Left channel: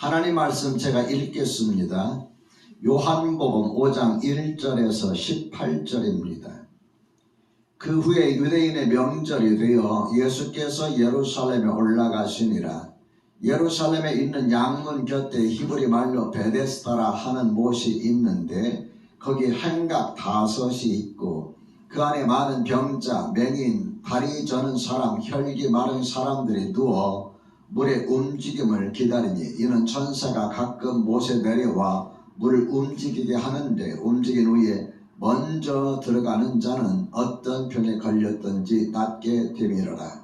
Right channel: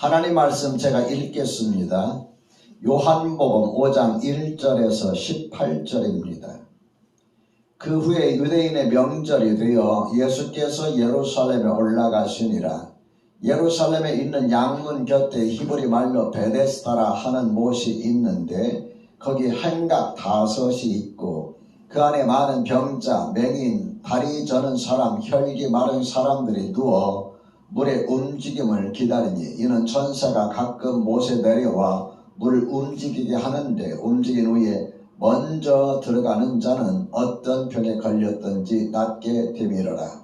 하나님 말씀 제가 읽겠습니다. 요한복음 5장 1절에서 18절입니다. 그 후에 유대인의 명절이 되어 예수께서 예루살렘에 올라가시니라. 예루살렘에 있는 양문 곁에 히브리 말로 베데스다라 하는 못이 있는데 거기 행각 5이 있고 그 안에 많은 병자, 맹인, 다리 저는 사람, 혈기 마른 사람들이 누워 물의 움직임을 기다리니 이는 천사가 가끔 못에 내려와 물을 움직이게 하는데 움직인 후에 먼저 들어가는 자는 어떤 병에 걸렸든지 낫게 되미러라.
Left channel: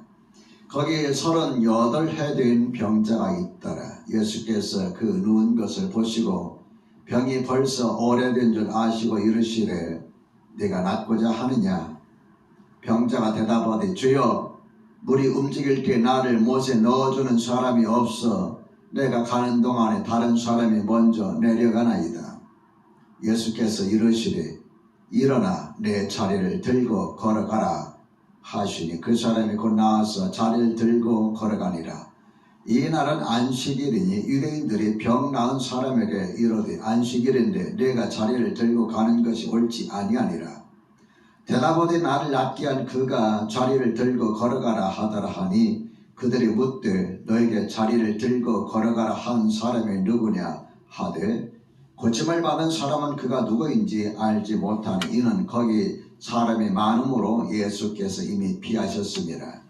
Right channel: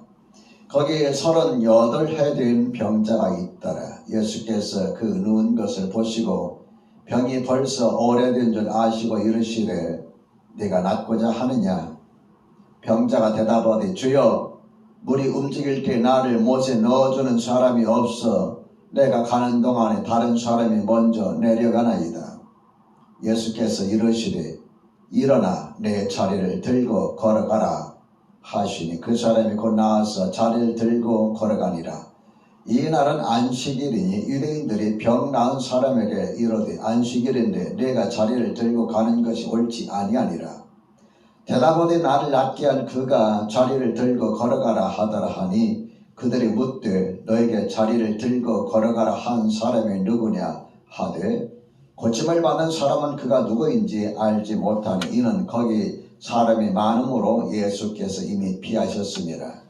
거기에 38해 된 병자가 있더라. 예수께서 그 누운 것을 보시고 병이 벌써 오래된 줄 아시고 이르시되 네가 낫고자 하느냐? 병자가 대답하되 주여 물이 움직일 때 나를 못에 넣어주는 사람이 없어 내가 가는 동안에 다른 사람이 먼저 내려가나이다. 예수께서 이르시되 일어나 내 자리를 들고 걸어가라 하시니 그 사람이 곧 나와서 자리를 들고 걸어가니라. 이날은 안식일이니 유대인들이 병 나은 사람에게 이르되 안식일인데 내가 자리를 들고 가는 것이 옳지 아니하니라. 대답하되 나를 낫게 한 그가 자리를 들고 걸어가라 하더라 하니 그들이 묻되 너에게 자리를 들고 걸어가라 한 사람이 누구냐 하되 고침을 받은 사람은 그가 누구인지 알지 못하니 이는 거기 사람이 많음으로 예수께서 이미 피하셨습니다.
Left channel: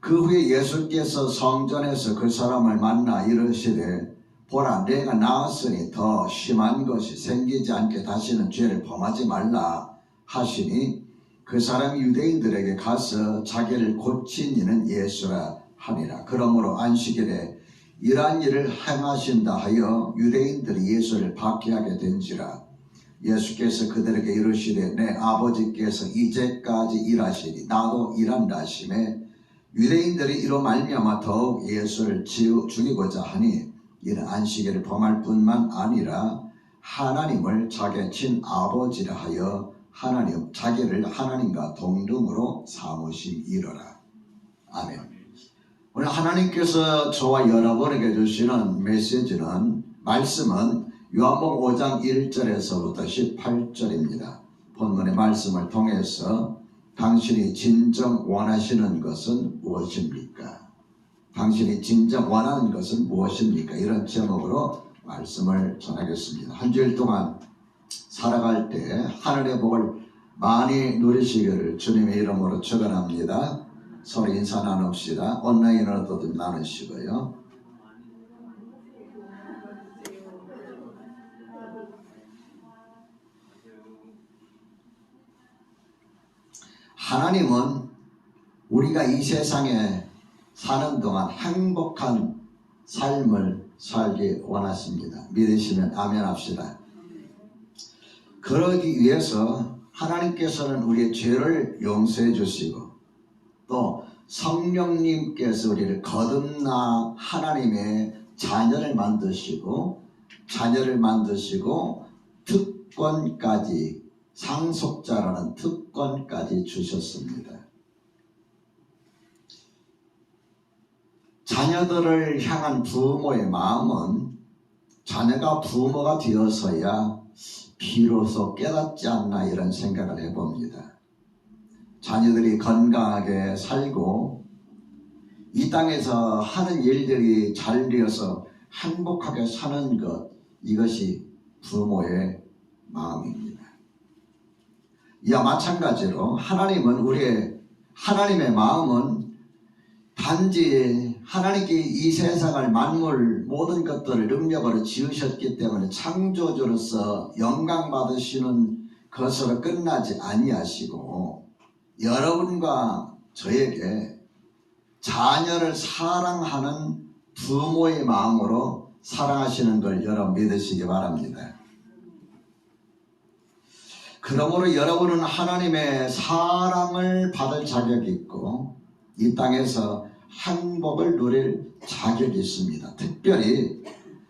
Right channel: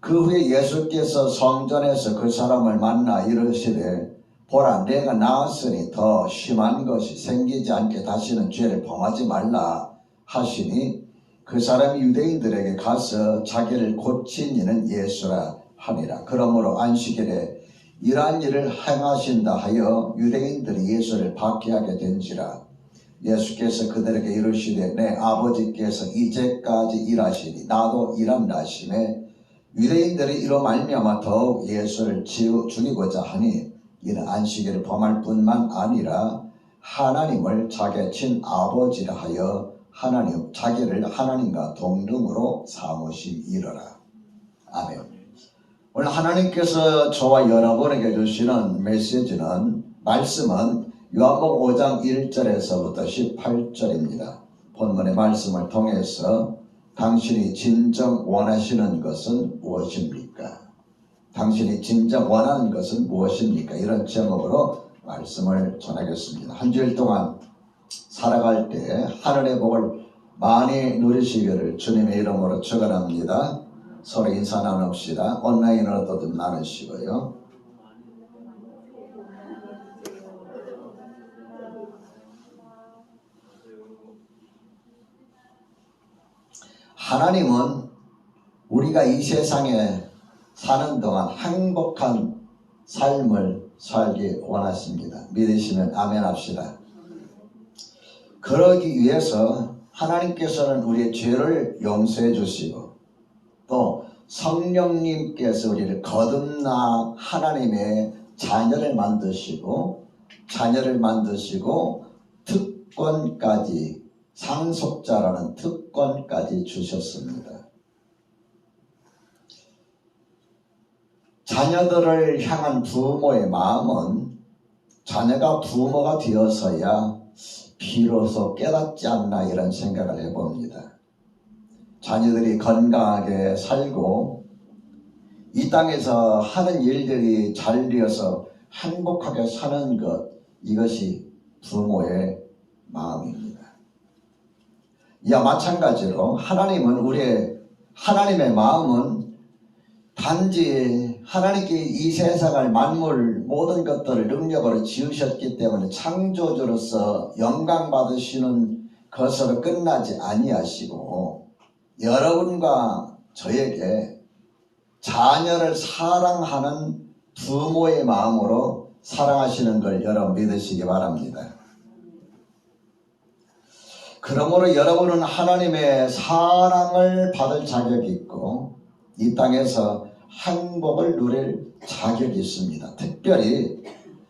그 후에 예수께서 성전에서 그 사람을 만나 이르시되 보라 내가 나았으니 더 심한 것이 생기지 않게 다시는 죄를 범하지 말라 하시니 그 사람이 유대인들에게 가서 자기를 고친 이는 예수라 하니라. 그러므로 안식일에 이러한 일을 행하신다 하여 유대인들이 예수를 박해하게 된지라. 예수께서 그들에게 이르시되 내 아버지께서 이제까지 일하시니 나도 일한다 하시매 유대인들이 이로 말미암아 더욱 예수를 죽이고자 하니 이는 안식일을 범할 뿐만 아니라 하나님을 자기의 친아버지라 하여 자기를 하나님과 동등으로 삼으심이로라. 아멘. 오늘 하나님께서 저와 여러분에게 주시는 말씀은 요한복음 5장 1절에서부터 18절입니다. 본문의 말씀을 통해서 당신이 진정 원하시는 것은 무엇입니까? 당신이 진정 원하는 것은 무엇입니까? 이런 제목으로 말씀을 전하겠습니다. 한 주일 동안 살아갈 때 하늘의 복을 많이 누리시기를 주님의 이름으로 축원합니다. 서로 인사 나눕시다. 온라인으로도 좀 나누시고요. 하나님은 우리가 이 세상에 사는 동안 행복한 삶을 살기 원하십니다. 믿으시면 아멘 합시다. 그러기 위해서 하나님께서는 우리의 죄를 용서해 주시고 또 성령님께서 우리를 거듭나 하나님의 자녀를 만드시고 특권까지 상속자라는 특권까지 주셨습니다. 자녀들을 향한 부모의 마음은 자녀가 부모가 되어서야 비로소 깨닫지 않나 이런 생각을 해봅니다. 자녀들이 건강하게 살고 이 땅에서 하는 일들이 잘 되어서 행복하게 사는 것, 이것이 부모의 마음입니다. 이와 마찬가지로 하나님의 마음은 단지 하나님께 이 세상을 만물 모든 것들을 능력으로 지으셨기 때문에 창조주로서 영광 받으시는 것으로 끝나지 아니하시고 여러분과 저에게 자녀를 사랑하는 부모의 마음으로 사랑하시는 걸 여러분 믿으시기 바랍니다. 그러므로 여러분은 하나님의 사랑을 받을 자격이 있고 이 땅에서 행복을 누릴 자격이 있습니다. 특별히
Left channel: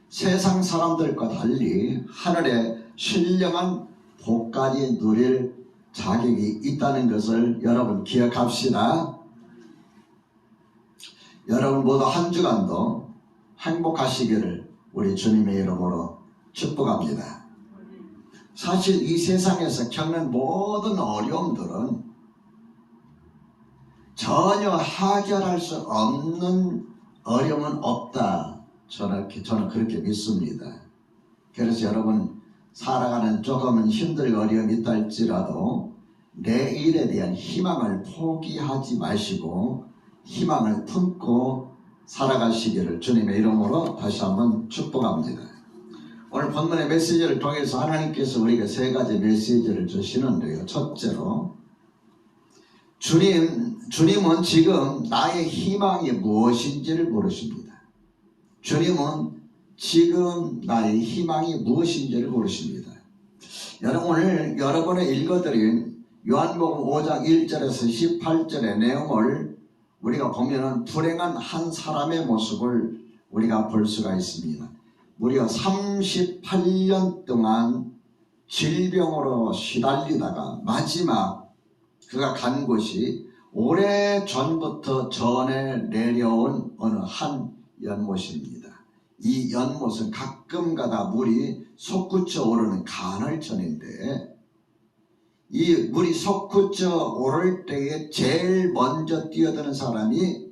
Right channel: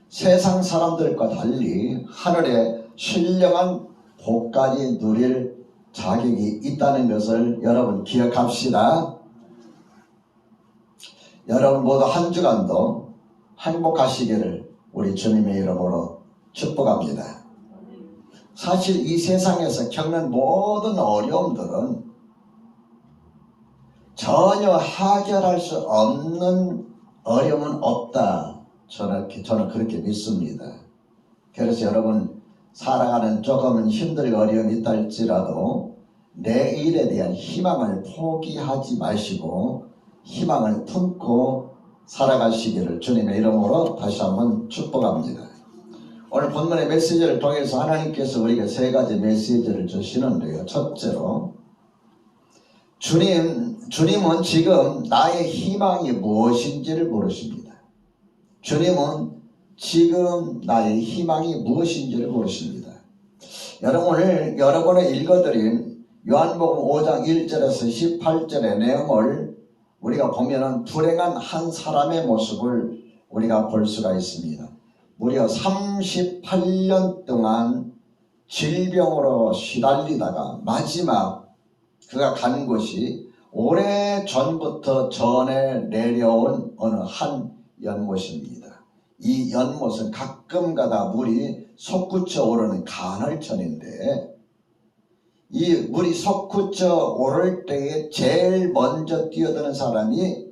세상 사람들과 달리 하늘의 신령한 복까지 누릴 자격이 있다는 것을 여러분 기억합시다. 여러분 모두 한 주간도 행복하시기를 우리 주님의 이름으로 축복합니다. 사실 이 세상에서 겪는 모든 어려움들은 전혀 해결할 수 없는 어려움은 없다. 저는 그렇게 믿습니다. 그래서 여러분 살아가는 조금은 힘들고 어려움이 있다 할지라도 내일에 대한 희망을 포기하지 마시고 희망을 품고 살아가시기를 주님의 이름으로 다시 한번 축복합니다. 오늘 본문의 메시지를 통해서 하나님께서 우리에게 세 가지 메시지를 주시는데요. 첫째로 주님은 지금 나의 희망이 무엇인지를 모르십니다. 주님은 지금 나의 희망이 무엇인지를 모르십니다. 여러분 오늘 여러분의 읽어드린 요한복음 5장 1절에서 18절의 내용을 우리가 보면은 불행한 한 사람의 모습을 우리가 볼 수가 있습니다. 무려 38년 동안 질병으로 시달리다가 마지막 그가 간 곳이 오래전부터 전해 내려온 어느 한 연못입니다. 이 연못은 가끔가다 물이 솟구쳐 오르는 간헐천인데 이 물이 솟구쳐 오를 때에 제일 먼저 뛰어드는 사람이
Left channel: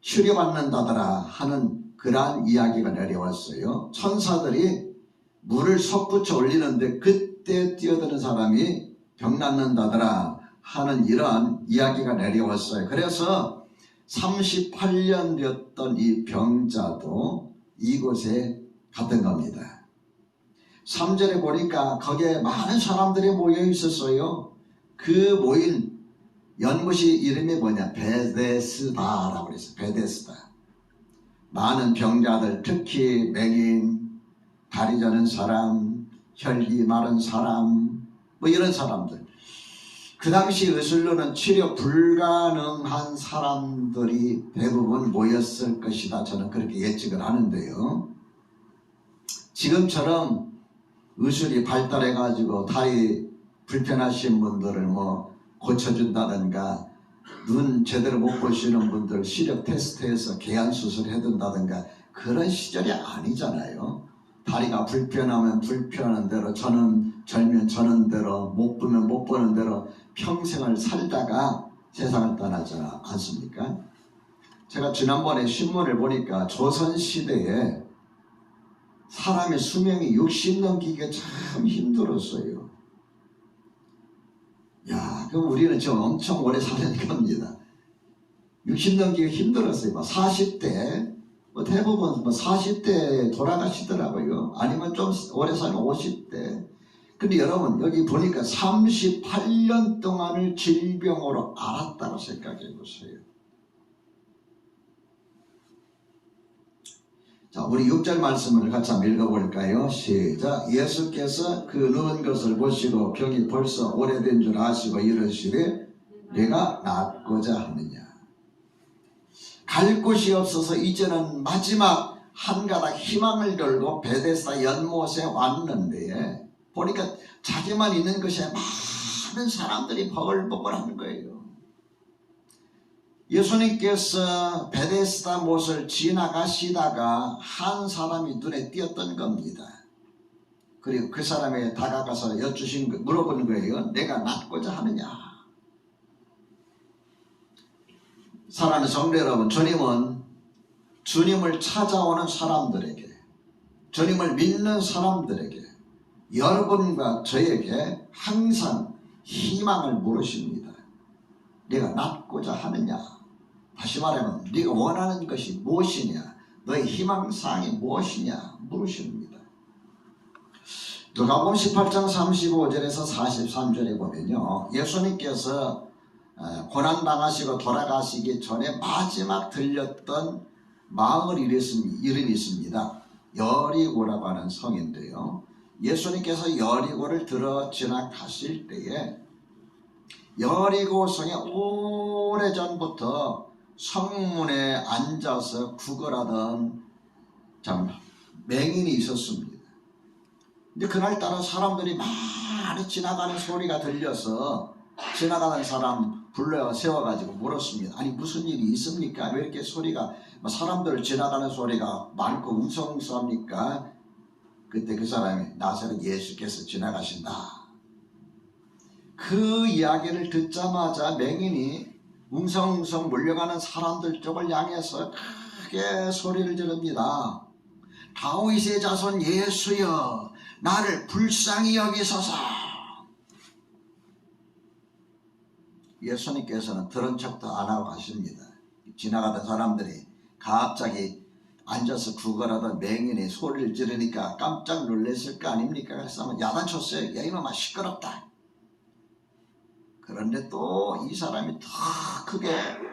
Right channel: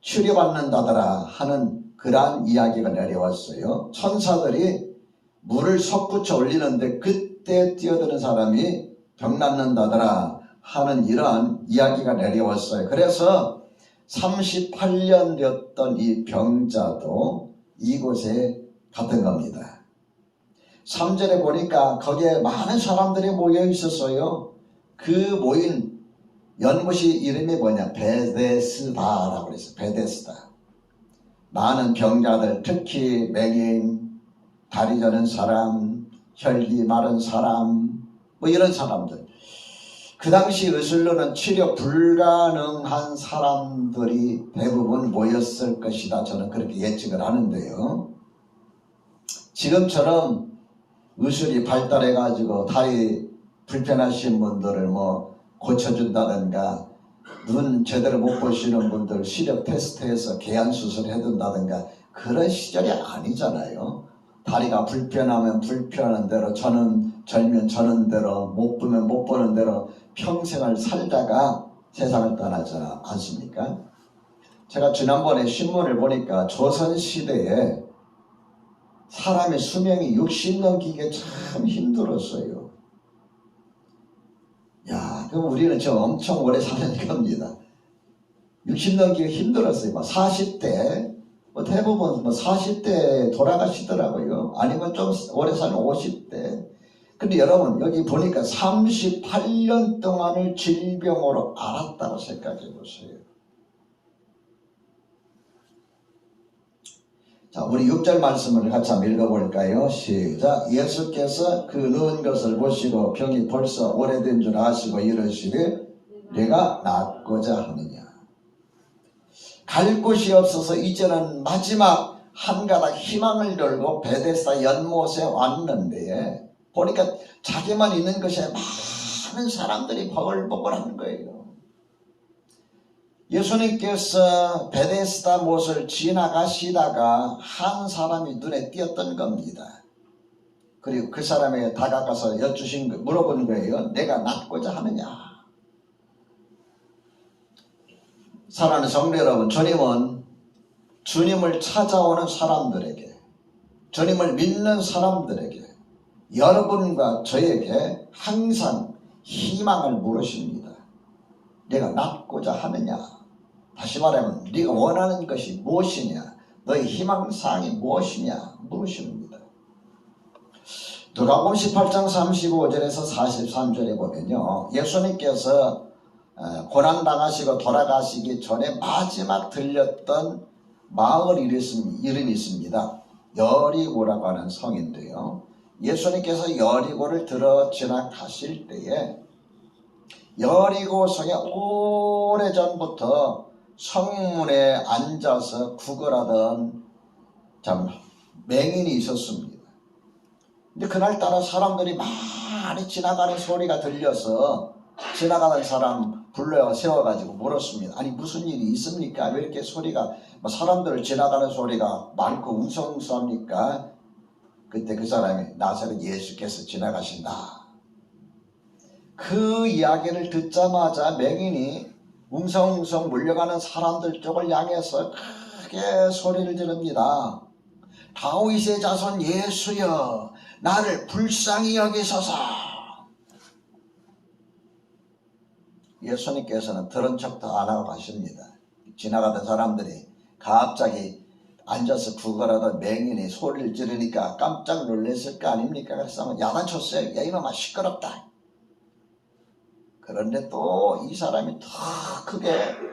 치료받는다더라 하는 그러한 이야기가 내려왔어요. 천사들이 물을 솟구쳐 올리는데 그때 뛰어드는 사람이 병 낫는다더라 하는 이러한 이야기가 내려왔어요. 그래서 38년 되었던 이 병자도 이곳에 갔던 겁니다. 3절에 보니까 거기에 많은 사람들이 모여 있었어요. 그 모인 연못이 이름이 뭐냐? 베데스다라고 그랬어요. 베데스다. 많은 병자들, 특히 맹인, 다리 저는 사람, 혈기 마른 사람, 뭐 이런 사람들. 그 당시 의술로는 치료 불가능한 사람들이 대부분 모였을 것이다. 저는 그렇게 예측을 하는데요. 지금처럼 의술이 발달해가지고 다리 불편하신 분들을 뭐 고쳐준다든가 눈 제대로 못 보시는 분들 시력 테스트해서 개안 수술을 해둔다든가 그런 시절이 아니잖아요. 다리가 불편하면 불편한 대로 절면 저는 대로 못 보면 못 보는 대로 평생을 살다가 세상을 떠나지 않습니까? 제가 지난번에 신문을 보니까 조선시대에 사람의 수명이 60 넘기기가 참 힘들었어요. 야, 그럼 우리는 저 엄청 오래 사는 겁니다. 60 넘기기가 힘들었어요. 40대, 대부분 40대 돌아가시더라고요. 아니면 좀 오래 사는 50대. 근데 여러분, 여기 보니까 38년 동안을 질병으로 앓았다고 생각해 보세요. 자, 우리 6절 말씀을 같이 한번 읽어볼까요? 시작. 예수께서 그 누운 것을 보시고 병이 벌써 오래된 줄 아시고 이르시되 내가 낫고자 하느냐. 갈 곳이 없어서 이제는 마지막 한 가닥 희망을 들고 베데스다 연못에 왔는데 보니까 자기만 있는 것이 많은 사람들이 버글버글한 거예요. 예수님께서 베데스다 못을 지나가시다가 한 사람이 눈에 띄었던 겁니다. 그리고 그 사람에게 다가가서 물어본 거예요. 내가 낫고자 하느냐. 사랑하는 성도 여러분, 주님은 주님을 찾아오는 사람들에게, 주님을 믿는 사람들에게, 여러분과 저에게 항상 희망을 물으십니다. 내가 낫고자 하느냐? 다시 말하면 네가 원하는 것이 무엇이냐? 너의 희망사항이 무엇이냐? 물으십니다. 누가복음 18장 35절에서 43절에 보면요, 예수님께서 고난당하시고 돌아가시기 전에 마지막 들렸던 마을 이름이 있습니다. 여리고라고 하는 성인데요, 예수님께서 여리고를 들어 지나가실 때에 여리고 성에 오래전부터 성문에 앉아서 구걸하던 맹인이 있었습니다. 근데 그날따라 사람들이 많이 지나가는 소리가 들려서 지나가는 사람 불러 세워가지고 물었습니다. 아니 무슨 일이 있습니까? 왜 이렇게 소리가 사람들을 지나가는 소리가 많고 웅성웅성합니까? 그때 그 사람이 나사렛 예수께서 지나가신다. 그 이야기를 듣자마자 맹인이 웅성웅성 물려가는 사람들 쪽을 향해서 크게 소리를 지릅니다. 다윗의 자손 예수여, 나를 불쌍히 여기소서. 예수님께서는 들은 척도 안 하고 가십니다. 지나가던 사람들이 갑자기 앉아서 구걸하던 맹인이 소리를 지르니까 깜짝 놀랐을 거 아닙니까? 그래서 야단쳤어요. 야 이놈아 시끄럽다. 그런데 또 이 사람이 더 크게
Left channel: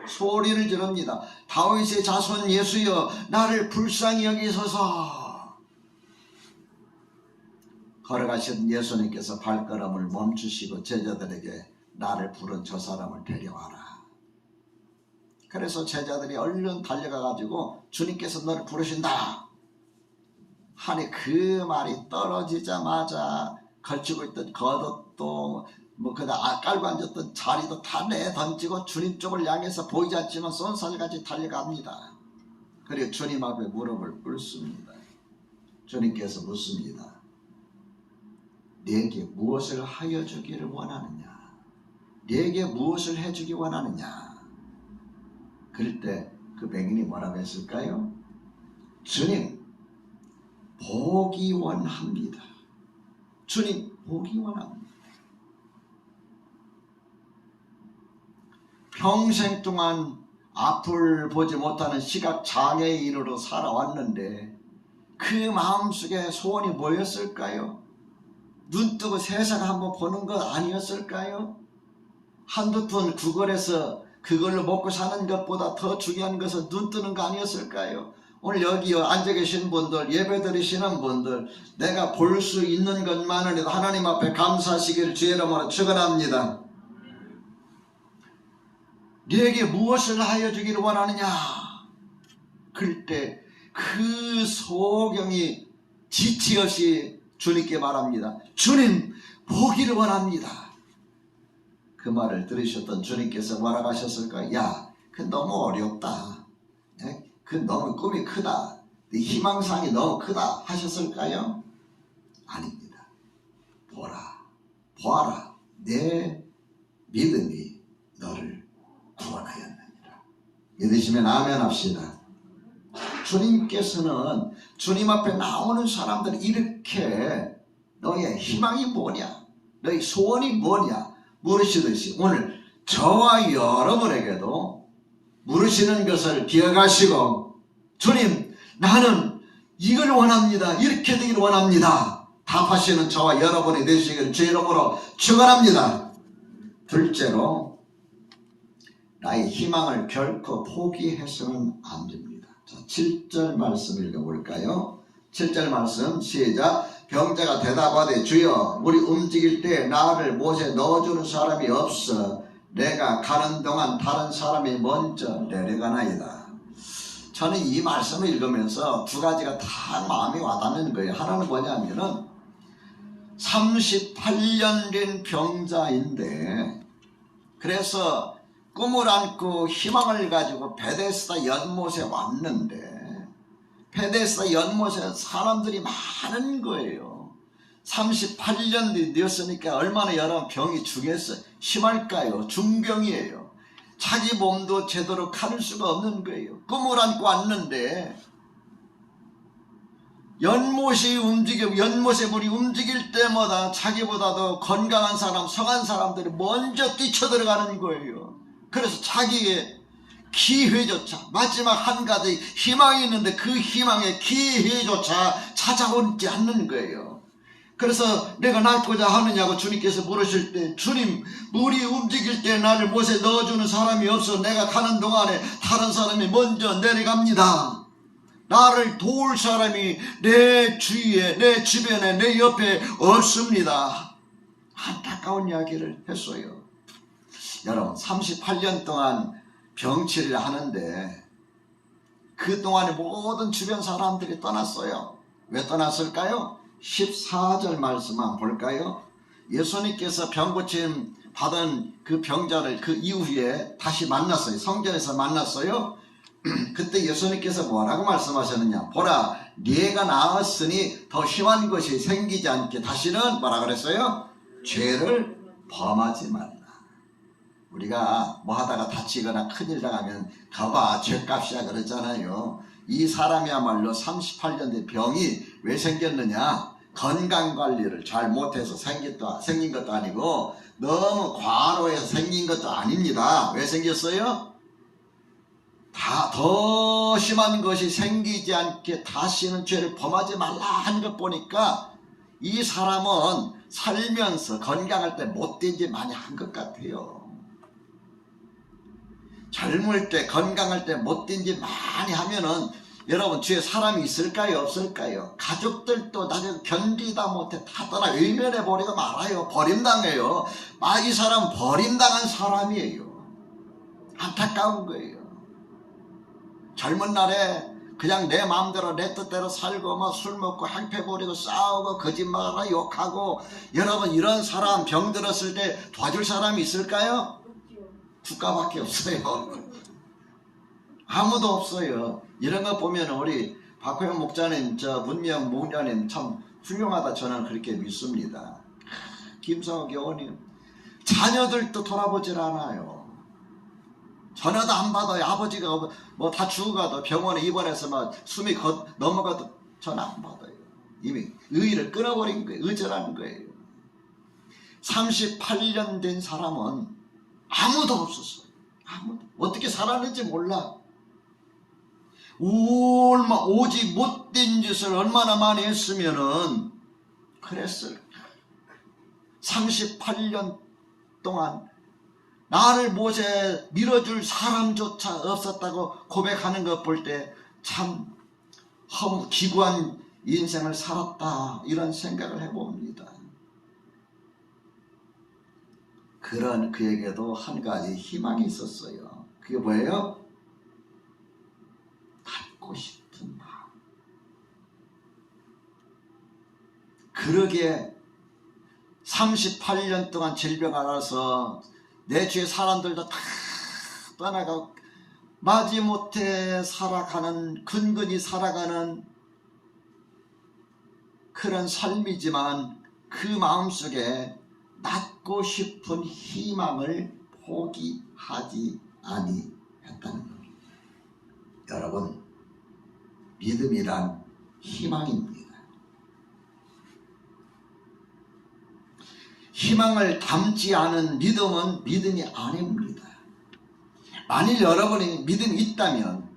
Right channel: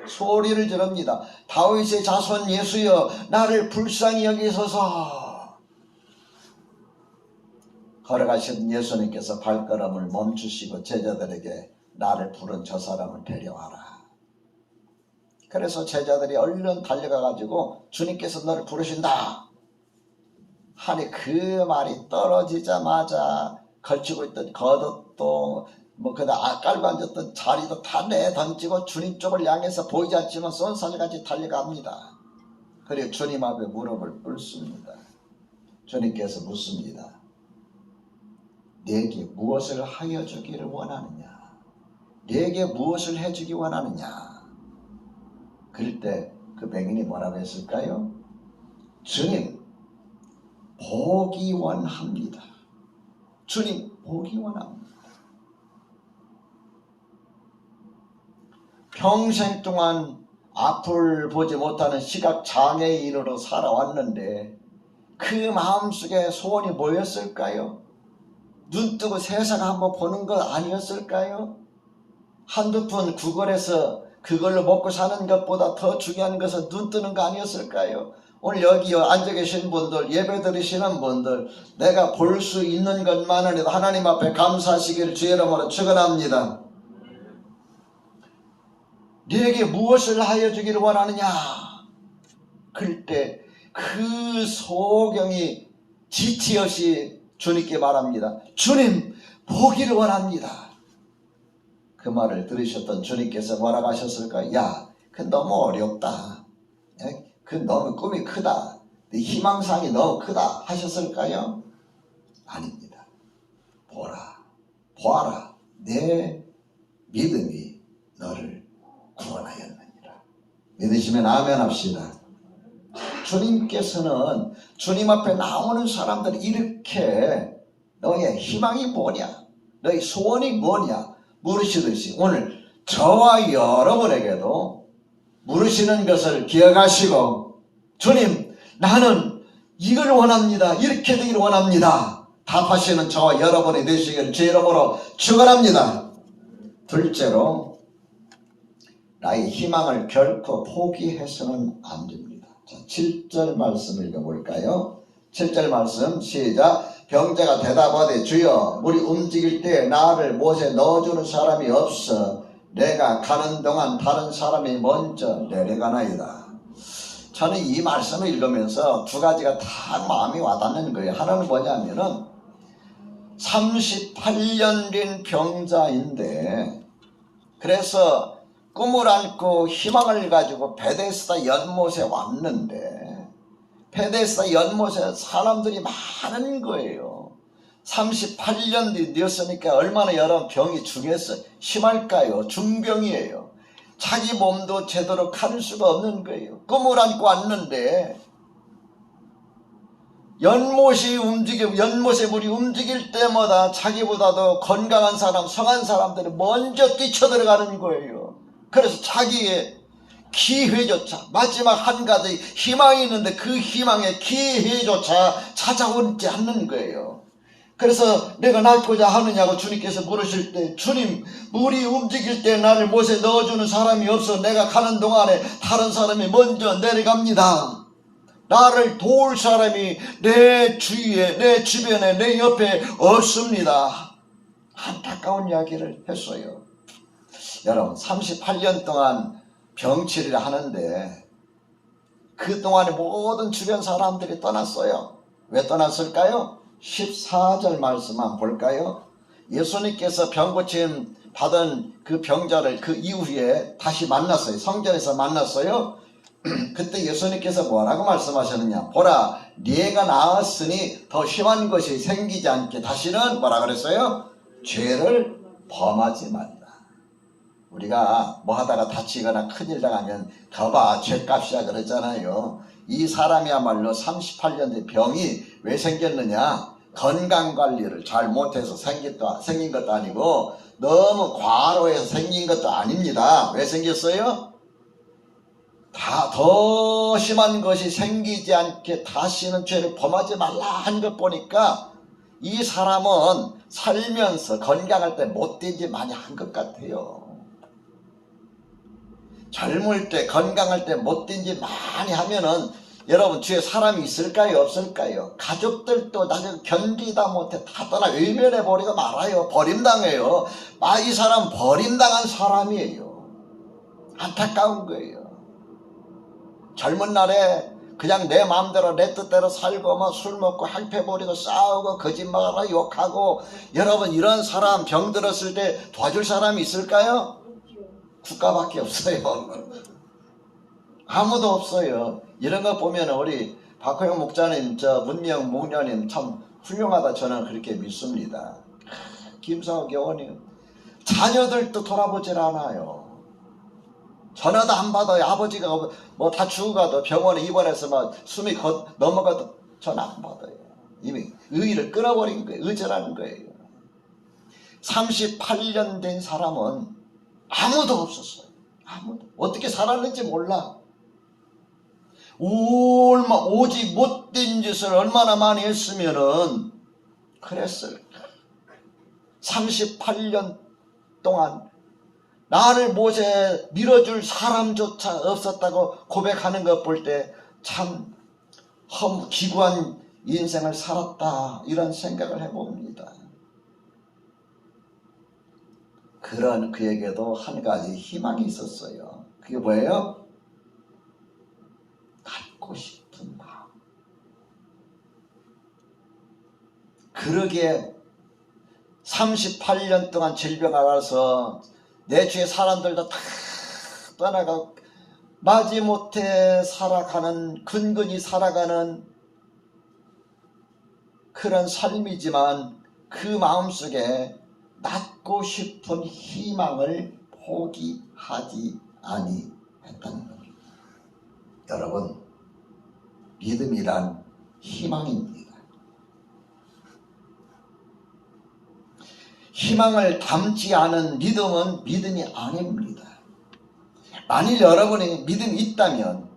소리를 지릅니다. 다윗의 자손 예수여, 나를 불쌍히 여기소서. 걸어가신 예수님께서 발걸음을 멈추시고 제자들에게 나를 부른 저 사람을 데려와라. 그래서 제자들이 얼른 달려가가지고 주님께서 너를 부르신다 하니 그 말이 떨어지자마자 걸치고 있던 겉옷도 그다 깔고 앉았던 자리도 다 내던지고 주님 쪽을 향해서 보이지 않지만 쏜살같이 달려갑니다. 그리고 주님 앞에 무릎을 꿇습니다. 주님께서 묻습니다. 내게 무엇을 하여 주기를 원하느냐? 내게 무엇을 해주기 원하느냐? 그럴 때 그 맹인이 뭐라고 했을까요? 주님, 보기 원합니다. 주님, 보기 원합니다. 평생 동안 앞을 보지 못하는 시각장애인으로 살아왔는데 그 마음속에 소원이 뭐였을까요? 눈 뜨고 세상 한번 보는 것 아니었을까요? 한두 푼 구걸해서 그걸로 먹고 사는 것보다 더 중요한 것은 눈 뜨는 거 아니었을까요? 오늘 여기 앉아 계신 분들, 예배 드리시는 분들, 내가 볼 수 있는 것만으로도 하나님 앞에 감사하시기를 주의 이름으로 축원합니다. 네게 무엇을 하여 주기를 원하느냐? 그럴 때 그 소경이 지체 없이 주님께 말합니다. 주님, 보기를 원합니다. 그 말을 들으셨던 주님께서 뭐라고 하셨을까요? 야, 그건 너무 어렵다. 그건 너무 꿈이 크다. 네 희망사항이 너무 크다 하셨을까요? 아닙니다. 보아라. 내 믿음이 너를 구원하였느니라. 믿으시면 아멘 합시다. 주님께서는 주님 앞에 나오는 사람들 이렇게 너의 희망이 뭐냐? 너의 소원이 뭐냐? 물으시듯이 오늘 저와 여러분에게도 물으시는 것을 기억하시고 주님 나는 이걸 원합니다. 이렇게 되기를 원합니다. 답하시는 저와 여러분이 되시길 제 이름으로 축원합니다. 둘째로 나의 희망을 결코 포기해서는 안 됩니다. 자, 7절 말씀 읽어볼까요? 7절 말씀 시작. 병자가 대답하되 주여 우리 움직일 때 나를 못에 넣어주는 사람이 없어 내가 가는 동안 다른 사람이 먼저 내려가나이다. 저는 이 말씀을 읽으면서 두 가지가 다 마음이 와닿는 거예요. 하나는 뭐냐면은 38년 된 병자인데 그래서 꿈을 안고 희망을 가지고 베데스다 연못에 왔는데 베데스다 연못에 사람들이 많은 거예요. 38년 되었으니까 얼마나 여러 병이 심할까요? 중병이에요. 자기 몸도 제대로 가눌 수가 없는 거예요. 꿈을 안고 왔는데 연못에 물이 움직일 때마다 자기보다도 건강한 사람, 성한 사람들이 먼저 뛰쳐들어가는 거예요. 그래서 자기의 기회조차 마지막 한 가지 희망이 있는데 그 희망의 기회조차 찾아오지 않는 거예요. 그래서 내가 낫고자 하느냐고 주님께서 물으실 때 주님 물이 움직일 때 나를 못에 넣어주는 사람이 없어 내가 가는 동안에 다른 사람이 먼저 내려갑니다. 나를 도울 사람이 내 주위에 내 주변에 내 옆에 없습니다. 안타까운 이야기를 했어요. 여러분 38년 동안 병치료를 하는데 그동안에 모든 주변 사람들이 떠났어요. 왜 떠났을까요? 14절 말씀 한번 볼까요? 예수님께서 병 고침 받은 그 병자를 그 이후에 다시 만났어요. 성전에서 만났어요. 그때 예수님께서 뭐라고 말씀하셨느냐? 보라, 네가 나았으니 더 심한 것이 생기지 않게 다시는 뭐라 그랬어요? 죄를 범하지 말라. 우리가 뭐 하다가 다치거나 큰일 당하면 거봐 죄값이야 그러잖아요. 이 사람이야말로 38년 된 병이 왜 생겼느냐? 건강관리를 잘 못해서 생긴 것도 아니고 너무 과로해서 생긴 것도 아닙니다. 왜 생겼어요? 다 더 심한 것이 생기지 않게 다시는 죄를 범하지 말라 하는 것 보니까 이 사람은 살면서 건강할 때 못된 짓 많이 한 것 같아요. 젊을 때 건강할 때 못된 짓 많이 하면은 여러분 주위에 사람이 있을까요? 없을까요? 가족들도 나중에 견디다 못해 다 떠나 외면해버리고 말아요. 버림당해요. 이 사람 버림당한 사람이에요. 안타까운 거예요. 젊은 날에 그냥 내 마음대로 내 뜻대로 살고 뭐 술 먹고 행패부리고 싸우고 거짓말하고 욕하고 여러분 이런 사람 병 들었을 때 도와줄 사람이 있을까요? 국가밖에 없어요. 아무도 없어요. 이런 거 보면 우리 박호영 목자님, 문명 목녀님 참 훌륭하다 저는 그렇게 믿습니다. 김성호 교원님 자녀들도 돌아보질 않아요. 전화도 안 받아요. 아버지가 뭐 다 죽어가도 병원에 입원해서 막 숨이 넘어가도 전화 안 받아요. 이미 의의를 끊어버린 거예요. 의절하는 거예요. 38년 된 사람은 아무도 없었어요. 아무도. 어떻게 살았는지 몰라. 오직 못된 짓을 얼마나 많이 했으면은 그랬을까. 38년 동안 나를 못에 밀어줄 사람조차 없었다고 고백하는 것 볼 때 참 기구한 인생을 살았다 이런 생각을 해봅니다. 그런 그에게도 한 가지 희망이 있었어요. 그게 뭐예요? 갖고 싶은 마음. 그러기에 38년 동안 질병 알아서 내 주위의 사람들도 다 떠나가고 마지못해 살아가는 근근히 살아가는 그런 삶이지만 그 마음속에 낳고 싶은 희망을 포기하지 아니했다는 겁니다. 여러분 믿음이란 희망입니다. 희망을 담지 않은 믿음은 믿음이 아닙니다. 만일 여러분이 믿음이 있다면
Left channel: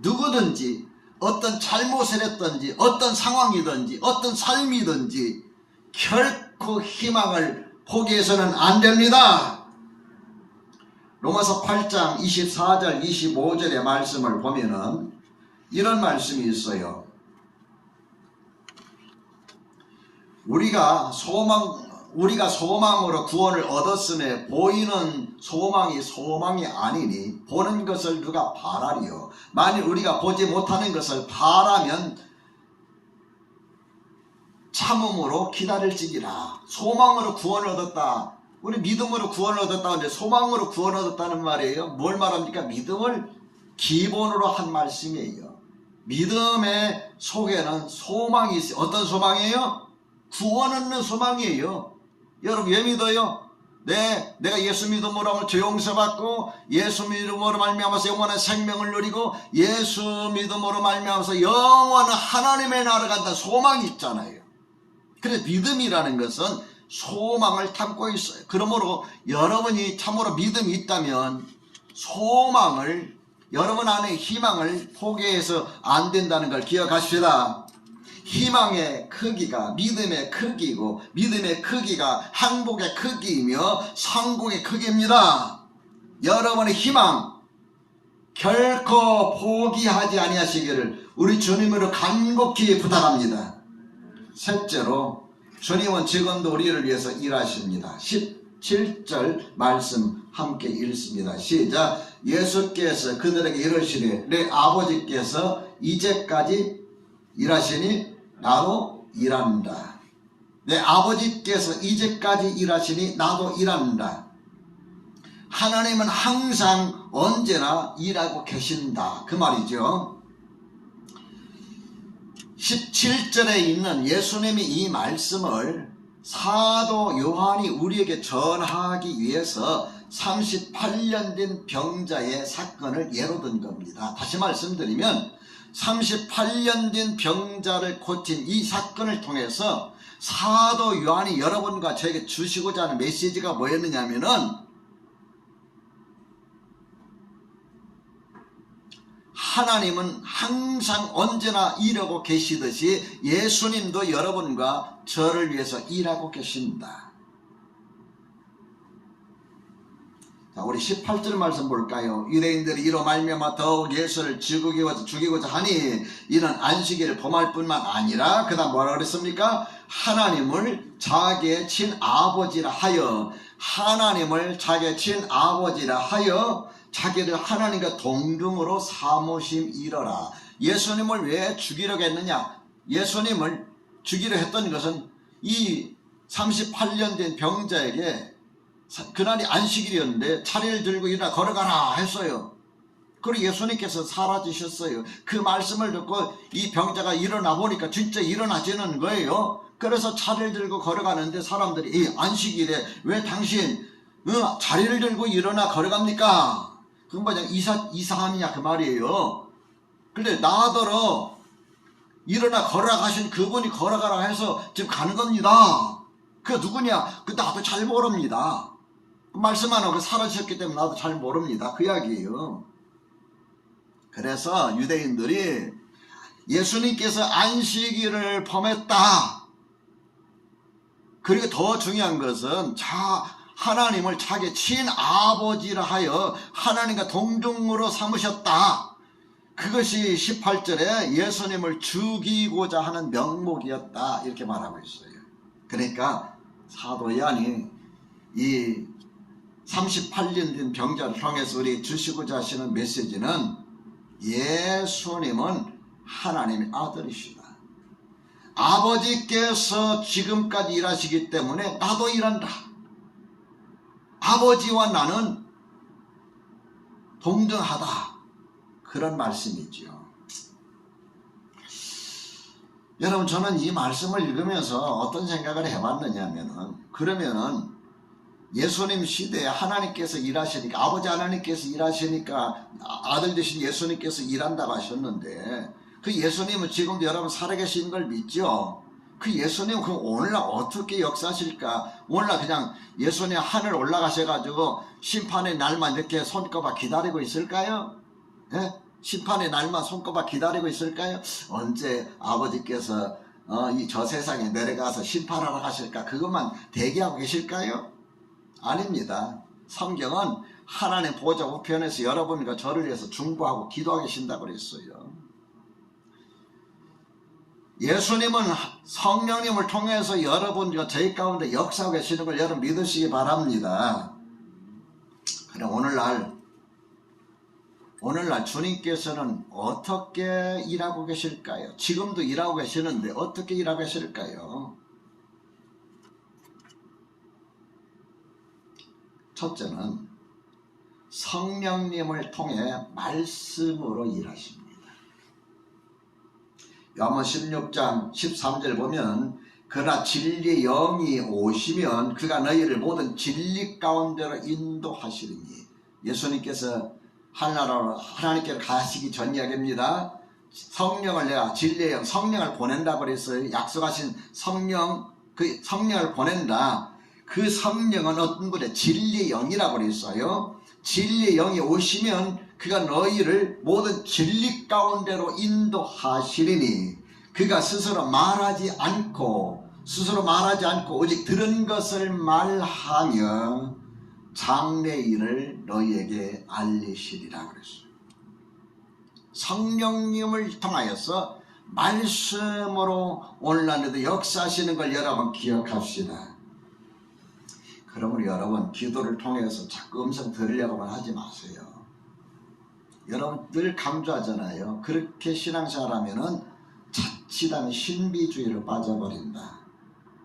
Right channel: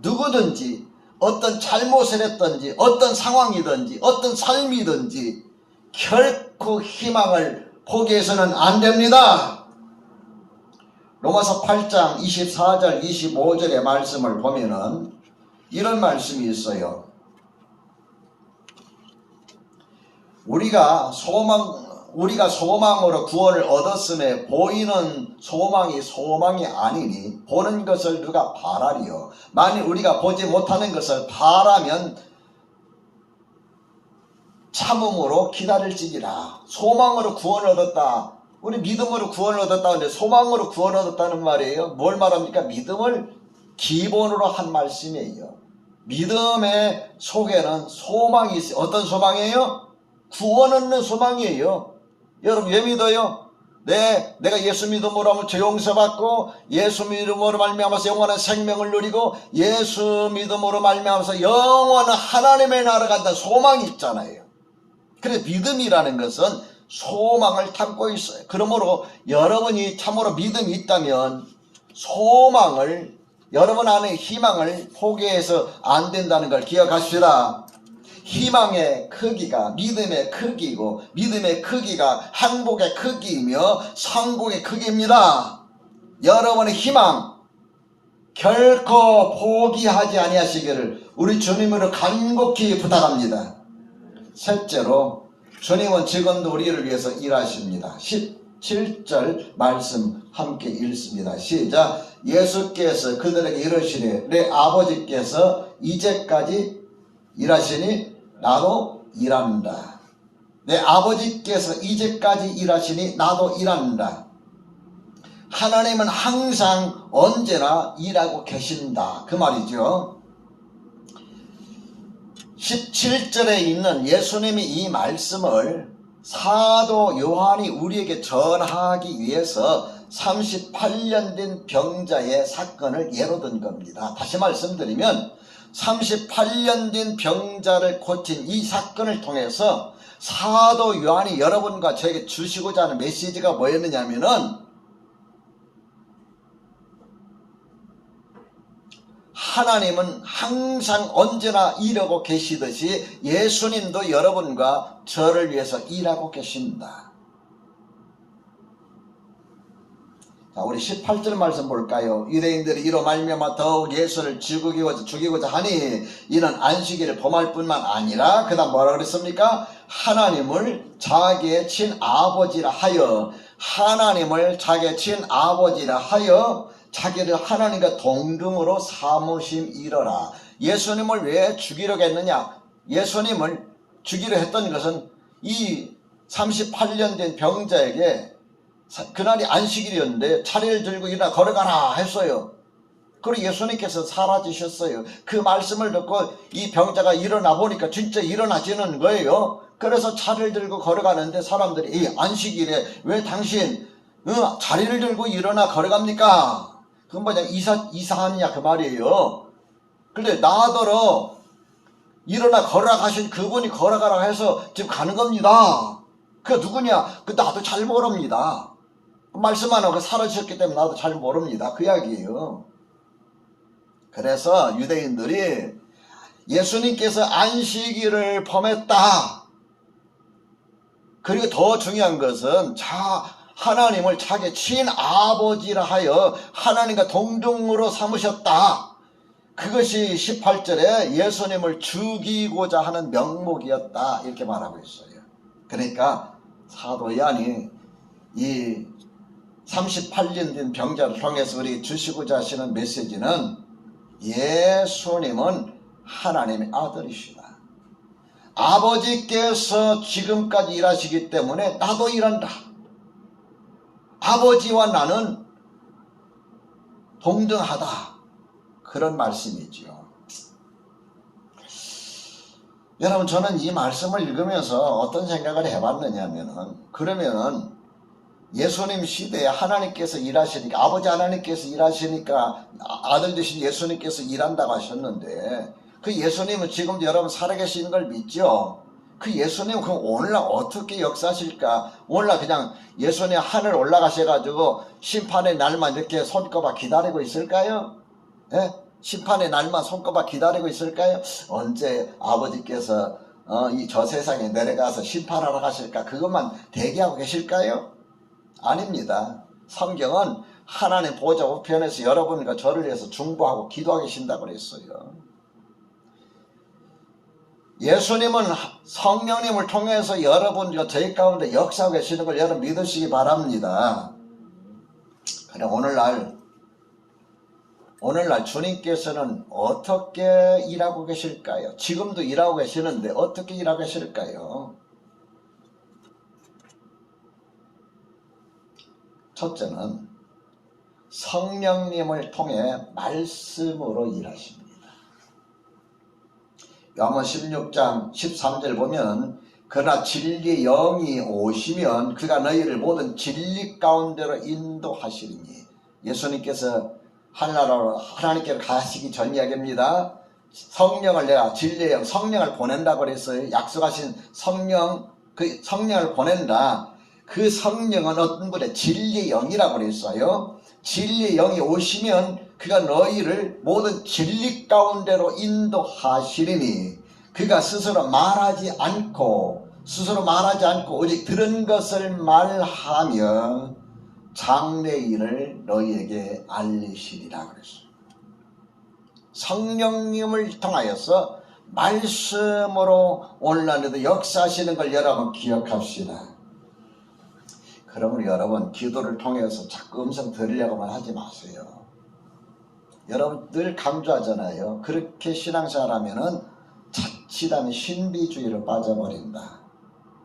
누구든지 어떤 잘못을 했든지 어떤 상황이든지 어떤 삶이든지 결코 희망을 포기해서는 안 됩니다. 로마서 8장 24절 25절의 말씀을 보면은 이런 말씀이 있어요. 우리가 소망으로 구원을 얻었음에 보이는 소망이 아니니 보는 것을 누가 바라리요. 만일 우리가 보지 못하는 것을 바라면 참음으로 기다릴지니라. 소망으로 구원을 얻었다. 우리 믿음으로 구원을 얻었다. 근데 소망으로 구원을 얻었다는 말이에요. 뭘 말합니까? 믿음을 기본으로 한 말씀이에요. 믿음의 속에는 소망이 있어요. 어떤 소망이에요? 구원 얻는 소망이에요. 여러분 왜 믿어요? 내가 예수 믿음으로 하면 죄 용서받고 예수 믿음으로 말미암아서 영원한 생명을 누리고 예수 믿음으로 말미암아서 영원한 하나님의 나라 간다는 소망이 있잖아요. 그래서 믿음이라는 것은 소망을 담고 있어요. 그러므로 여러분이 참으로 믿음이 있다면 소망을 여러분 안에 희망을 포기해서 안 된다는 걸 기억하십시다. 희망의 크기가 믿음의 크기고 믿음의 크기가 행복의 크기이며 성공의 크기입니다. 여러분의 희망 결코 포기하지 아니하시기를 우리 주님으로 간곡히 부탁합니다. 셋째로 주님은 지금도 우리를 위해서 일하십니다. 17절 말씀 함께 읽습니다. 시작. 예수께서 그들에게 이르시되 내 아버지께서 이제까지 일하시니 나도 일한다. 내 아버지께서 이제까지 일하시니 나도 일한다. 하나님은 항상 언제나 일하고 계신다. 그 말이죠. 17절에 있는 예수님이 이 말씀을 사도 요한이 우리에게 전하기 위해서 38년 된 병자의 사건을 예로 든 겁니다. 다시 말씀드리면 38년 된 병자를 고친 이 사건을 통해서 사도 요한이 여러분과 저에게 주시고자 하는 메시지가 뭐였느냐면은 하나님은 항상 언제나 일하고 계시듯이 예수님도 여러분과 저를 위해서 일하고 계십니다. 자, 우리 18절 말씀 볼까요? 유대인들이 이로 말미암아 더욱 예수를 죽이고자 하니 이는 안식일을 범할 뿐만 아니라 그 다음 뭐라 그랬습니까? 하나님을 자기의 친아버지라 하여 자기를 하나님과 동등으로 삼으심이러라. 예수님을 왜 죽이려고 했느냐? 예수님을 죽이려 했던 것은 이 38년 된 병자에게 그날이 안식일이었는데 차례를 들고 일어나 걸어가라 했어요. 그리고 예수님께서 사라지셨어요. 그 말씀을 듣고 이 병자가 일어나 보니까 진짜 일어나지는 거예요. 그래서 차례를 들고 걸어가는데 사람들이 이 안식일에 왜 당신 자리를 들고 일어나 걸어갑니까? 그건 뭐냐, 이상하느냐 그 말이에요. 근데 나더러 일어나 걸어가신 그분이 걸어가라 해서 지금 가는 겁니다. 그 누구냐? 그 나도 잘 모릅니다. 말씀 안 하고 사라지셨기 때문에 나도 잘 모릅니다. 그 이야기예요. 그래서 유대인들이 예수님께서 안식일을 범했다. 그리고 더 중요한 것은 하나님을 자기 친아버지라 하여 하나님과 동등으로 삼으셨다. 그것이 18절에 예수님을 죽이고자 하는 명목이었다. 이렇게 말하고 있어요. 그러니까 사도 요한이 이 38년 된 병자를 통해서 우리 주시고자 하시는 메시지는 예수님은 하나님의 아들이시다. 아버지께서 지금까지 일하시기 때문에 나도 일한다. 아버지와 나는 동등하다. 그런 말씀이지요. 여러분, 저는 이 말씀을 읽으면서 어떤 생각을 해봤느냐면은, 그러면은 예수님 시대에 하나님께서 일하시니까, 아버지 하나님께서 일하시니까 아들 되신 예수님께서 일한다고 하셨는데, 그 예수님은 지금도 여러분 살아계신 걸 믿죠? 그 예수님은 그럼 오늘날 어떻게 역사하실까? 오늘날 그냥 예수님 하늘 올라가셔가지고 심판의 날만 이렇게 손꼽아 기다리고 있을까요? 예? 심판의 날만 손꼽아 기다리고 있을까요? 언제 아버지께서 저 세상에 내려가서 심판하러 가실까? 그것만 대기하고 계실까요? 아닙니다. 성경은 하나님 보좌 우편에서 여러분과 저를 위해서 중보하고 기도하고 계신다고 그랬어요. 예수님은 성령님을 통해서 여러분과 저희 가운데 역사하고 계시는 걸 여러분 믿으시기 바랍니다. 그럼 오늘날 주님께서는 어떻게 일하고 계실까요? 지금도 일하고 계시는데 어떻게 일하고 계실까요? 첫째는 성령님을 통해 말씀으로 일하십니다. 요한복음 16장 13절 보면 그러나 진리의 영이 오시면 그가 너희를 모든 진리 가운데로 인도하시리니, 예수님께서 하나님께로 가시기 전 이야기입니다. 성령을 내가 진리의 영, 성령을 보낸다고 그랬어요. 약속하신 성령, 그 성령을 보낸다. 그 성령은 어떤 분의 진리의 영이라고 그랬어요. 진리의 영이 오시면 그가 너희를 모든 진리 가운데로 인도하시리니, 그가 스스로 말하지 않고 오직 들은 것을 말하며 장래일을 너희에게 알리시리라 그랬어요. 성령님을 통하여서 말씀으로 오늘날에도 역사하시는 걸 여러분 기억합시다. 그러므로 여러분 기도를 통해서 자꾸 음성 들으려고만 하지 마세요. 여러분 늘 강조하잖아요. 그렇게 신앙생활 하면은 자칫하면 신비주의로 빠져버린다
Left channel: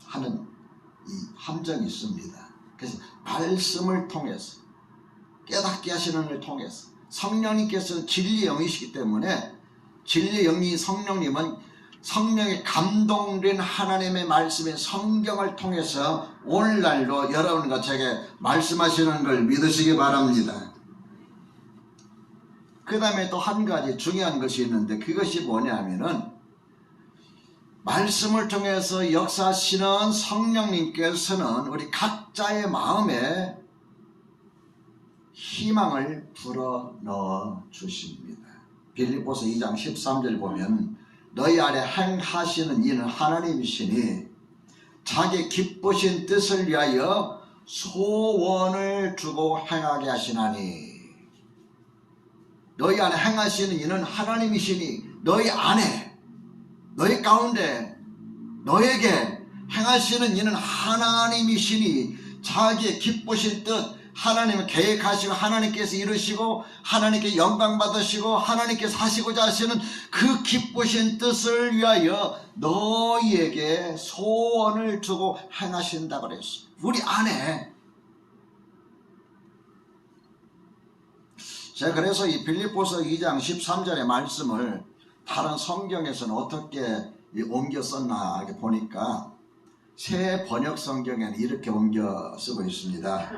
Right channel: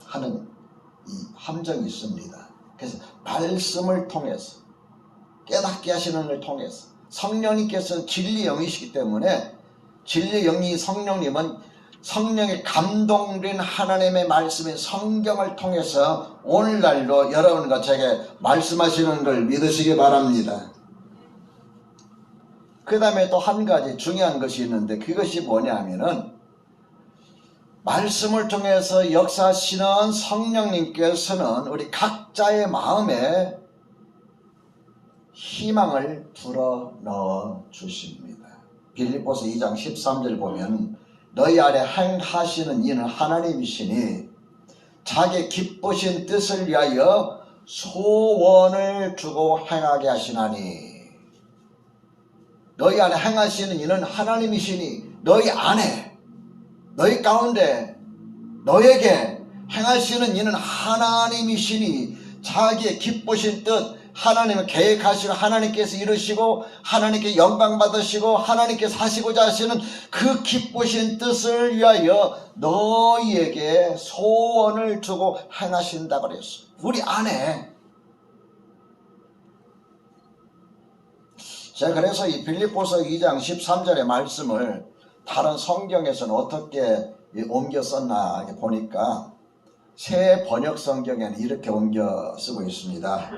하는 이 함정이 있습니다. 그래서 말씀을 통해서 깨닫게 하시는 걸 통해서 성령님께서는 진리의 영이시기 때문에 진리의 영이 성령님은 성령의 감동된 하나님의 말씀인 성경을 통해서 오늘날도 여러분과 제게 말씀하시는 걸 믿으시기 바랍니다. 그 다음에 또 한 가지 중요한 것이 있는데 그것이 뭐냐면은 말씀을 통해서 역사하시는 성령님께서는 우리 각자의 마음에 희망을 불어넣어 주십니다. 빌립보서 2장 13절 보면 너희 아래 행하시는 이는 하나님이시니 자기 기쁘신 뜻을 위하여 소원을 주고 행하게 하시나니. 너희 안에 행하시는 이는 하나님이시니 너희 안에 너희 가운데 너에게 행하시는 이는 하나님이시니 자기의 기쁘신 뜻 하나님은 계획하시고 하나님께서 이루시고 하나님께 영광 받으시고 하나님께서 하시고자 하시는 그 기쁘신 뜻을 위하여 너희에게 소원을 주고 행하신다 그랬어. 우리 안에. 제가 그래서 이 빌립보서 2장 13절의 말씀을 다른 성경에서는 어떻게 옮겨 썼나 이렇게 보니까 새 번역 성경에는 이렇게 옮겨 쓰고 있습니다.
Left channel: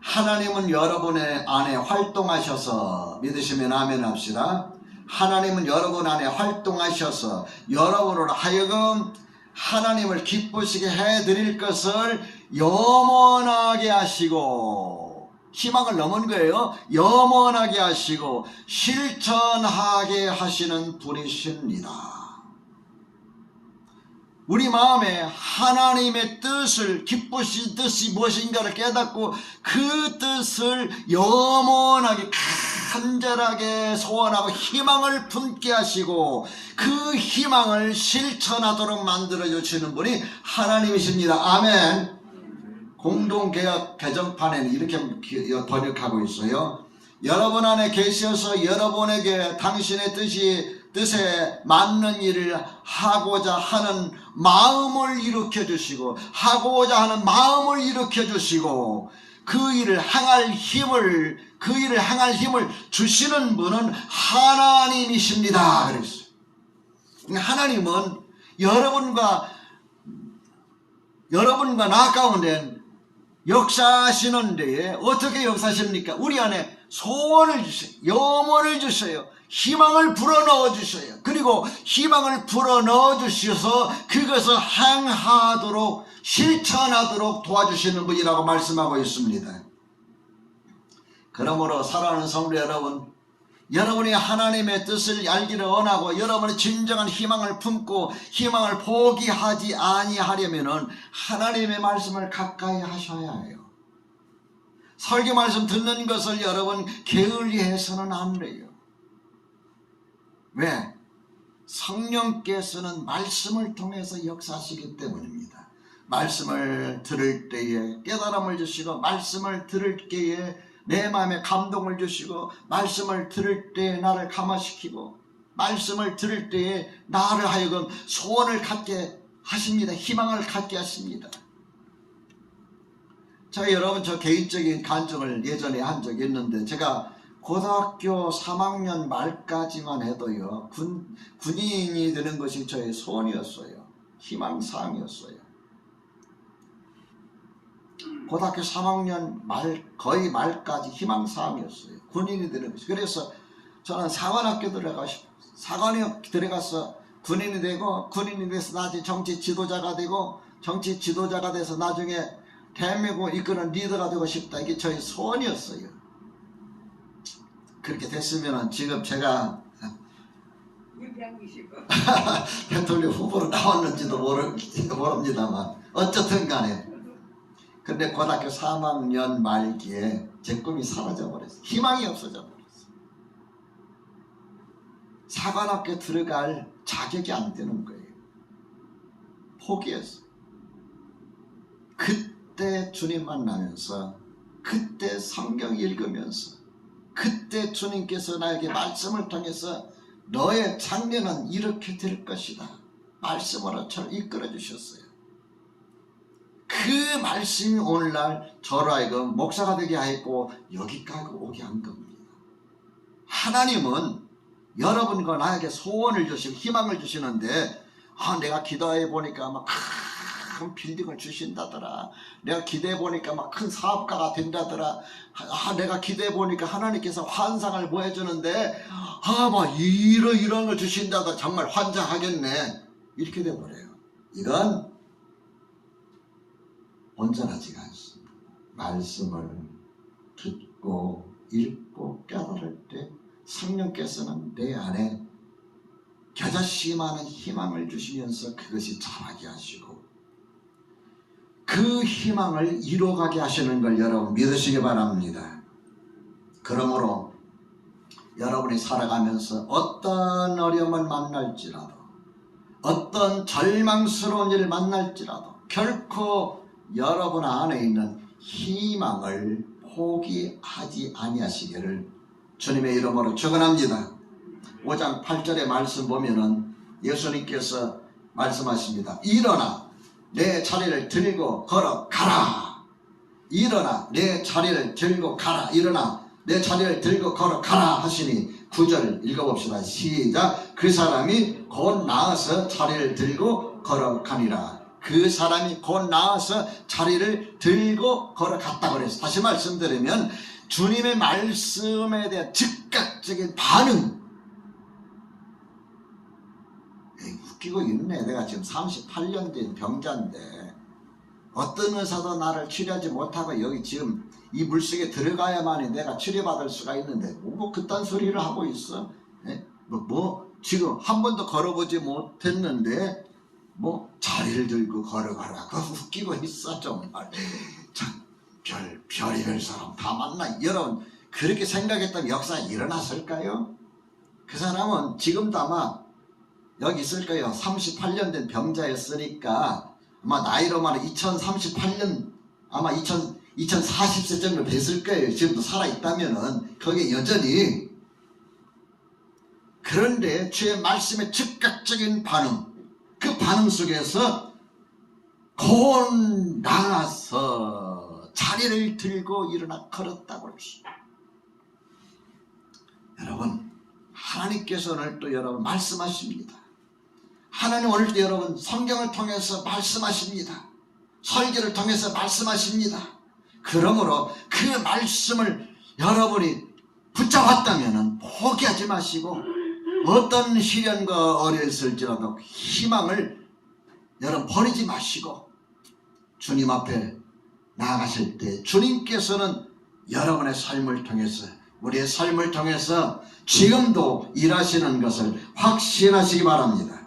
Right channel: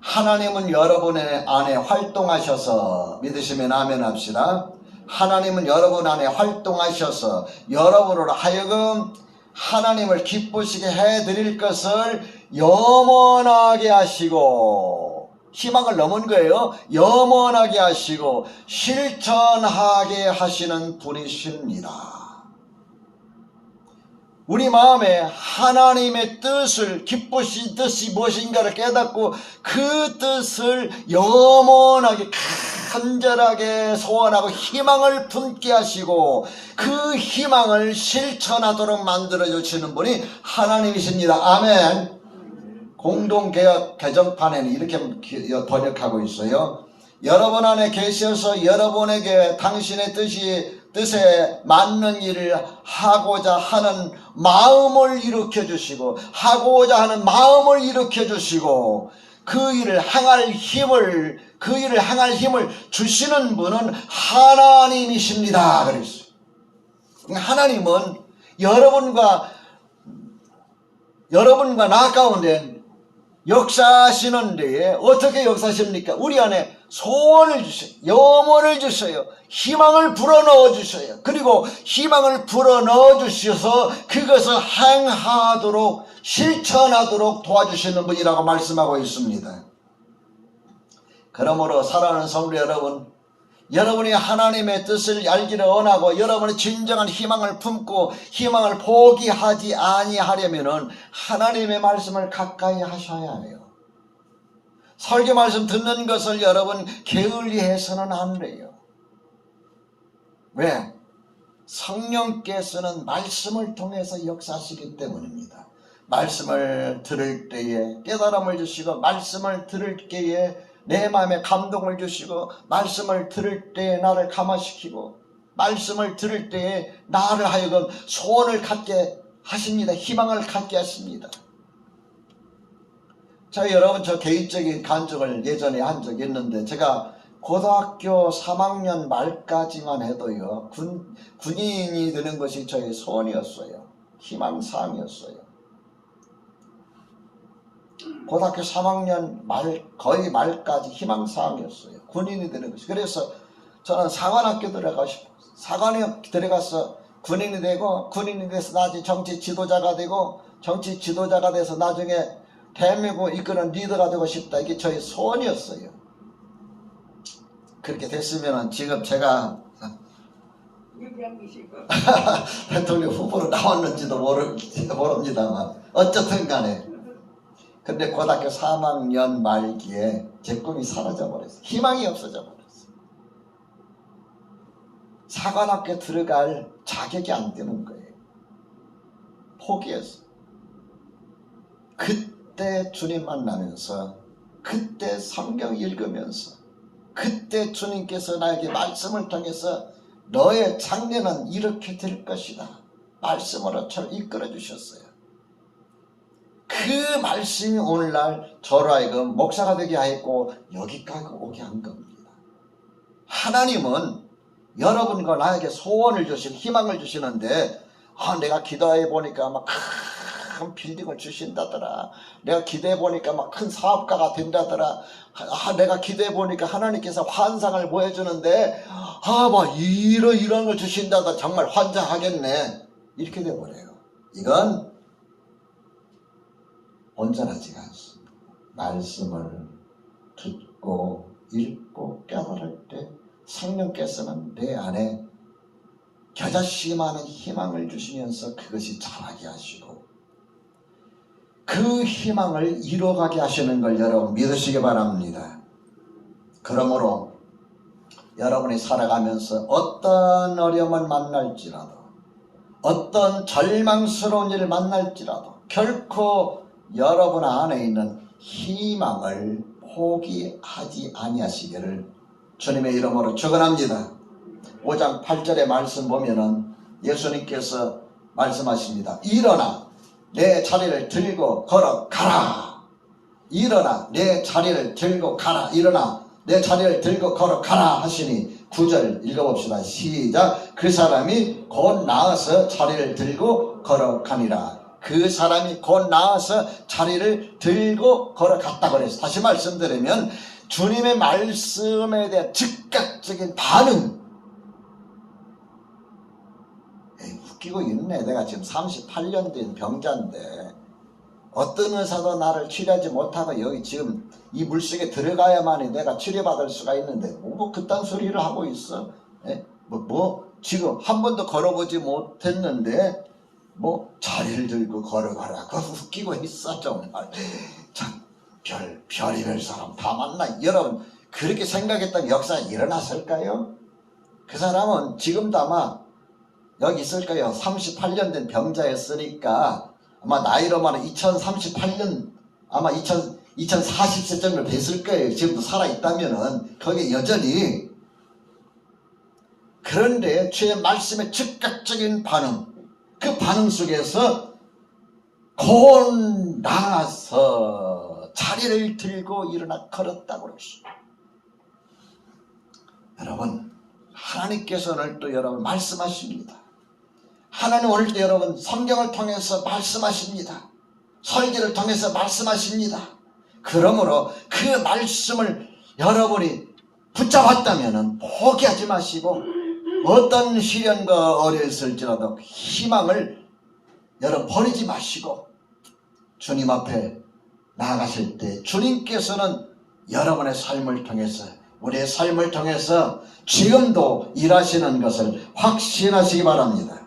하나님은 여러분의 안에 활동하셔서, 믿으시면 아멘 합시다. 하나님은 여러분 안에 활동하셔서 여러분으로 하여금 하나님을 기쁘시게 해드릴 것을 염원하게 하시고, 희망을 넘은 거예요. 염원하게 하시고 실천하게 하시는 분이십니다. 우리 마음에 하나님의 뜻을, 기쁘신 뜻이 무엇인가를 깨닫고 그 뜻을 염원하게 간절하게 소원하고 희망을 품게 하시고 그 희망을 실천하도록 만들어 주시는 분이 하나님이십니다. 아멘. 공동개혁 개정판에는 이렇게 번역하고 있어요. 여러분 안에 계셔서 여러분에게 당신의 뜻에 맞는 일을 하고자 하는 마음을 일으켜 주시고 하고자 하는 마음을 일으켜 주시고 그 일을 행할 힘을 주시는 분은 하나님이십니다. 그랬어요. 하나님은 여러분과 나 가운데 역사하시는 데에 어떻게 역사하십니까? 우리 안에 소원을 주세요. 염원을 주세요. 희망을 불어넣어 주세요. 그리고 희망을 불어넣어 주셔서 그것을 행하도록 실천하도록 도와주시는 분이라고 말씀하고 있습니다. 그러므로 사랑하는 성도 여러분, 여러분이 하나님의 뜻을 알기를 원하고 여러분의 진정한 희망을 품고 희망을 포기하지 아니하려면 하나님의 말씀을 가까이 하셔야 해요. 설교 말씀 듣는 것을 여러분 게을리해서는 안 돼요. 왜? 성령께서는 말씀을 통해서 역사하시기 때문입니다. 말씀을 들을 때에 깨달음을 주시고 말씀을 들을 때에 내 마음에 감동을 주시고 말씀을 들을 때에 나를 감화시키고 말씀을 들을 때에 나를 하여금 소원을 갖게 하십니다. 희망을 갖게 하십니다. 자, 여러분, 저 개인적인 간증을 예전에 한 적이 있는데 제가 고등학교 3학년 말까지만 해도요 군인이 되는 것이 저의 소원이었어요. 희망사항이었어요. 고등학교 3학년 거의 말까지 희망사항이었어요. 군인이 되는 것이. 그래서 저는 사관학교 들어가고 싶어요. 사관학교 들어가서 군인이 되고 군인이 돼서 나중에 정치 지도자가 되고 정치 지도자가 돼서 나중에 대한민국을 이끄는 리더가 되고 싶다. 이게 저의 소원이었어요. 그렇게 됐으면 지금 제가 대통령 후보로 나왔는지도 모릅니다만 어쨌든 간에 근데 고등학교 3학년 말기에 제 꿈이 사라져버렸어요. 희망이 없어져버렸어요. 사관학교 들어갈 자격이 안 되는 거예요. 포기했어요. 그때 주님 만나면서 그때 성경 읽으면서 그때 주님께서 나에게 말씀을 통해서 너의 장래는 이렇게 될 것이다. 말씀으로 저를 이끌어 주셨어요. 그 말씀이 오늘날 저로 하여금 목사가 되게 하였고 여기까지 오게 한 겁니다. 하나님은 여러분과 나에게 소원을 주시고 희망을 주시는데 내가 기도해 보니까 막 큰 빌딩을 주신다더라. 내가 기도해 보니까 막 큰 사업가가 된다더라. 내가 기도해 보니까 하나님께서 환상을 보여주는데 막 이런 걸 주신다더라. 정말 환장하겠네. 이렇게 돼버려요. 이건 온전하지가 않습니다. 말씀을 듣고 읽고 깨달을 때 성령께서는 내 안에 겨자씨 많은 희망을 주시면서 그것이 자라게 하시고 그 희망을 이루어가게 하시는 걸 여러분 믿으시기 바랍니다. 그러므로 여러분이 살아가면서 어떤 어려움을 만날지라도 어떤 절망스러운 일을 만날지라도 결코 여러분 안에 있는 희망을 포기하지 아니하시기를 주님의 이름으로 축원합니다. 5장 8절의 말씀 보면은 예수님께서 말씀하십니다. 일어나 내 자리를 들고 걸어가라. 일어나 내 자리를 들고 가라. 일어나 내 자리를 들고 걸어가라 하시니 9절 읽어봅시다. 시작. 그 사람이 곧 나아서 자리를 들고 걸어가니라. 그 사람이 곧 나아서 자리를 들고 걸어갔다 그랬어요. 다시 말씀드리면 주님의 말씀에 대한 즉각적인 반응. 웃기고 있네. 내가 지금 38년 된 병자인데 어떤 의사도 나를 치료하지 못하고 여기 지금 이 물속에 들어가야만이 내가 치료받을 수가 있는데 뭐 그딴 소리를 하고 있어. 지금 한 번도 걸어보지 못했는데 자리를 들고 걸어가라. 그거 웃기고 있어 정말. 참 별의별 사람 다 만나. 여러분 그렇게 생각했던 역사가 일어났을까요? 그 사람은 지금도 아마 여기 있을 거예요. 38년 된 병자였으니까 아마 나이로만 2038년 아마 2040세 정도 됐을 거예요. 지금도 살아있다면은 거기에 여전히. 그런데 주의 말씀의 즉각적인 반응, 그 반응 속에서 곧 나가서 자리를 들고 일어나 걸었다고 그랬어요. 여러분 하나님께서 오늘도 여러분 말씀하십니다. 하나님 오늘도 여러분 성경을 통해서 말씀하십니다. 설교를 통해서 말씀하십니다. 그러므로 그 말씀을 여러분이 붙잡았다면 포기하지 마시고 어떤 시련과 어려웠을지라도 희망을 여러분 버리지 마시고 주님 앞에 나아가실 때 주님께서는 여러분의 삶을 통해서 우리의 삶을 통해서 지금도 일하시는 것을 확신하시기 바랍니다.